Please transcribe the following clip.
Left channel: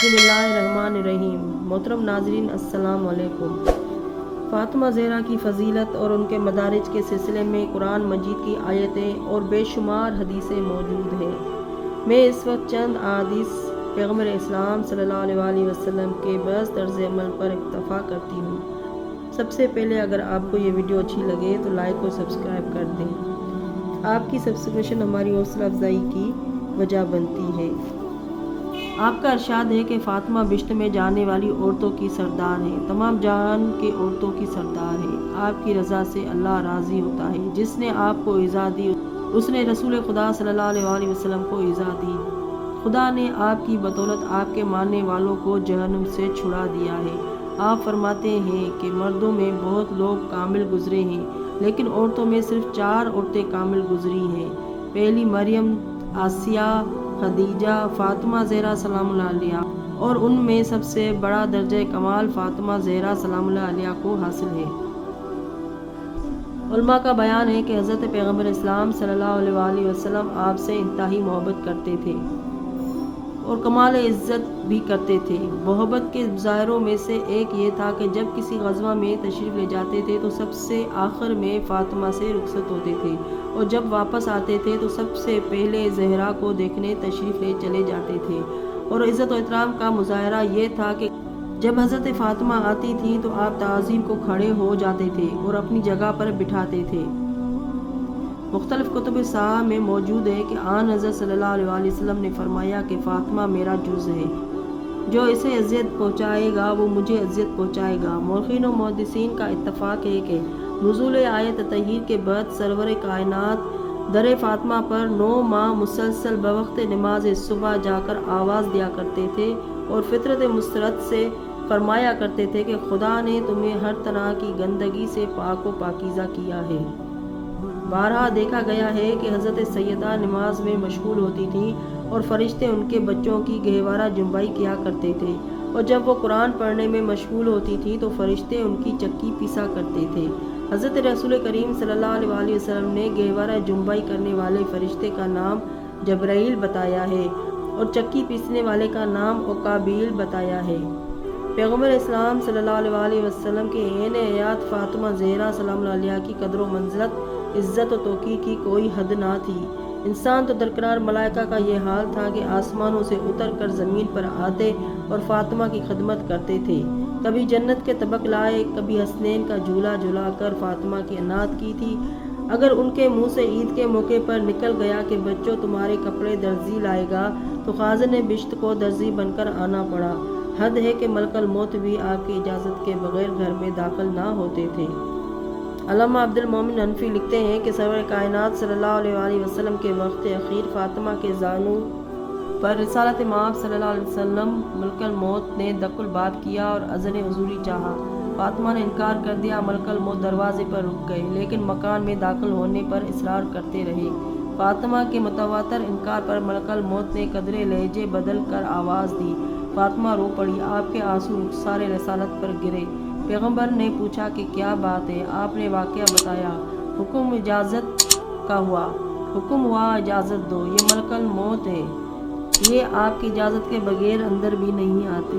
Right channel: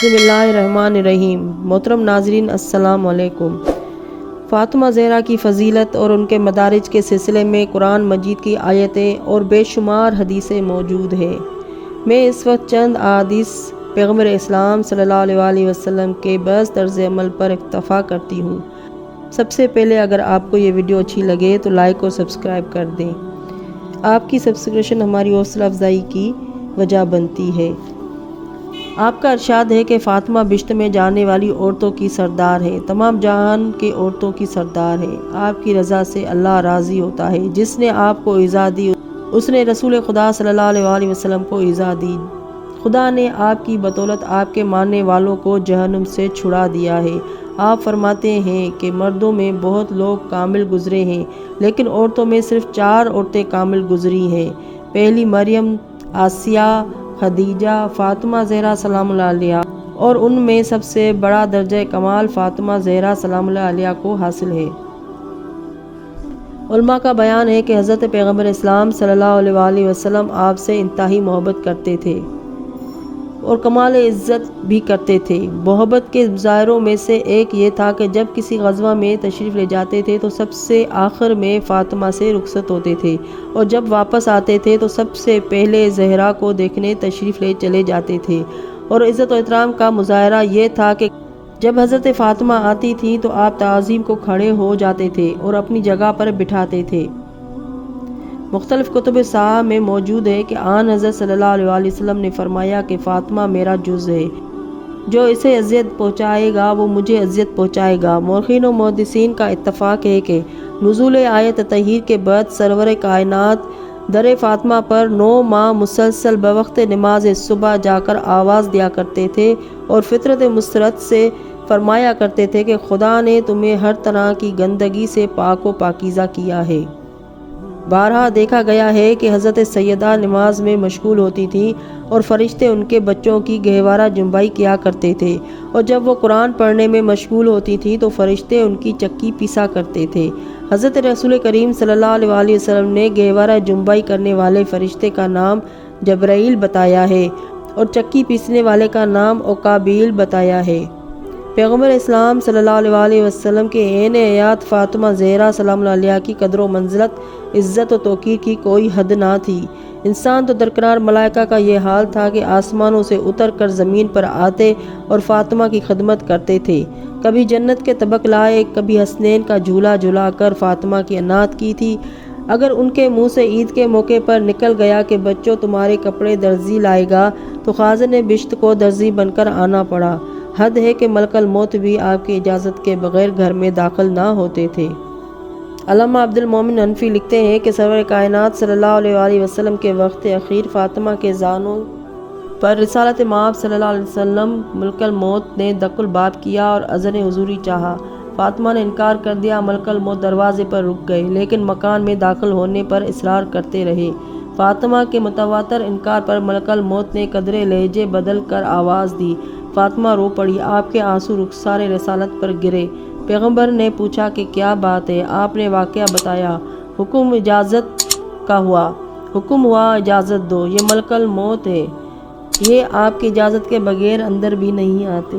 बिस्मिल्लाहिर्रहमानिर्रहीम। मोहतरम नाज़रीन, अस्सलाम वालेकुम। फ़ातिमा ज़हरा की फ़जीलत और उनके मदारिज के सिलसिले में कुरान मजीद की आयतें और बेशुमार हदीसें मौजूद हैं। मैं इस वक्त चंद अहादीस पैगम्बर इस्लाम सल्लल्लाहु अलैहि वसल्लम के बस तर्ज़ अमल पर इक्तफ़ा करती हूँ। सबसे पहले अगर आपको ये वीडियो अच्छी लगे तो लाइक और सब्सक्राइब कर दें। आपकी सब्सक्रिप्शन हमारी हौसला अफजाई की वजह बनती है। आपका इरशाद है कि फ़ातिमा बिश्त में जाने वाली औरतों की सरदार है, तमाम जहान के औरतों की सरदार है। आपकी रज़ा से अल्लाह राज़ी होता है। जिसने आपको इज़ा दी उसने रसूल खुदा सल्लल्लाहु अलैहि वसल्लम को इज़ा दी। खुदा ने आपकी बदौलत आपके मानने वालों को जहन्नुम से छुड़ा दिया है। आप फरमाते हैं कि मर्दों में बहुत लोग कामिल गुजरे हैं, लेकिन औरतों में सिर्फ 4 औरतें कामिल गुजरी हैं। पहली मरियम, आसिया, खदीजा, फ़ातिमा ज़हरा सलामुल्लाह अलैहा, और उनमें सबसे बड़ा दर्जा कमाल फ़ातिमा ज़हरा सलामुल्लाह अलैहा को हासिल है। उलमा का बयान है कि हज़रत पैगम्बर इस्लाम सल्लल्लाहु अलैहि वसल्लम आपसे इंतहाई मोहब्बत करते थे और कमाल इज़्ज़त भी करते थे। मोहब्बत के ज़ाहिरों में से एक ये था कि जब किसी ग़ज़वा में तशरीफ़ ले जाते थे तो सबसे आखिर में फ़ातिमा से रुखसत होते थे, और जब वापस आते थे तो सबसे पहले ज़हरा को देखने तशरीफ़ ले चले जाते थे। और इज़्ज़त और एहतराम का मुज़ाहरा ये था कि जब हज़रत फ़ातिमा आती थी तो आप ताज़ीम को खड़े हो जाते थे और अपनी जगह पर बिठाते थे। मुख्तलिफ कुतुब साहब में मौजूद है कि आन हज़रत सल्लल्लाहु अलैहि वसल्लम ने फरमाया कि फ़ातिमा मेरा जुज़ है, जो इसे अज़ियत पहुँचाएगा वो मुझे अज़ियत पहुँचाएगा। मौरख़ीन और मुहद्दिसीन का इत्तफ़ाक़ है कि नुज़ूल आयत ततहीर के बाद सरवर कायनात दर फ़ातिमा पर 9 माह मुसलसल बवक्त नमाज सुबह जाकर आवाज़ दिया करते थे और फ़ितरत मुसरत से फरमाया करते थे कि खुदा ने तुम्हें हर तरह की गंदगी से पाक व पाकीज़ा किया है। बारहा देखा गया है कि हज़रत सैयदा नमाज में मशगूल होती थी और फ़रिश्ते उनके बच्चों की गहवारा जुम्बाई किया करते थे, और जब वो कुरान पढ़ने में मशगूल होती थी तो फ़रिश्ते उनकी चक्की पीसा करते थे। हज़रत रसूल करीम सल्लल्लाहु अलैहि वसल्लम ने गहवारा जुम्बाई करने वाले फ़रिश्ते का नाम जब्राईल बताया है और चक्की पीसने वाले का नाम ओकाबील बताया है। पैगम्बर इस्लाम सल्लल्लाहु अलैहि वसल्लम के ऐन हयात फ़ातिमा ज़हरा सलामुल्लाह अलैहा की कदर व मंज़िलत, इज़्ज़त व तौक़ीर की कोई हद ना थी। इंसान तो दरकिनार मलाइका का ये हाल था कि आसमानों से उतर कर ज़मीन पर आते और फ़ातिमा की खिदमत करते थे। कभी जन्नत के तबक लाए, कभी हसनैन का झूला झुला कर फ़ातिमा की अनात की थी। अगर उनके मुँह से ईद के मौके पर निकल गया कि बच्चों तुम्हारे कपड़े दर्जी लाएगा, तो खाज़िन बिश्त को दर्जी बनकर आना पड़ा। हद है कि मलकल मौत भी आपकी इजाज़त के बगैर घर में दाखिल ना होते थे। अल्लामा अब्दुल मोमिन हनफी लिखते हैं कि सरवर कायनात सल्लल्लाहु अलैहि वसल्लम के वक्त अखीर फ़ातिमा के जानू पर रिसालत माब सल्लल्लाहु अलैहि वसल्लम मलकल मौत ने दकुल बाब किया और अज़न हुज़ूरी चाहा। फ़ातिमा ने इनकार कर दिया। मलकल मौत दरवाज़े पर रुक गए, लेकिन मकान में दाखिल होने पर इसरार करते रहे। फ़ातिमा के मुतवातर इनकार पर मलकल मौत ने कदरे लहजे बदल कर आवाज़ दी। फ़ातिमा रो पड़ी। आपके आंसू रुखसारे रिसालत पर गिरे। पैगम्बर ने पूछा कि क्या बात है। आपने वाक़या बताया। हुक्म इजाज़त का हुआ। हुक्म हुआ इजाज़त दो, ये मलकल मौत है, ये आपकी इजाज़त के बगैर अंदर भी नहीं आती।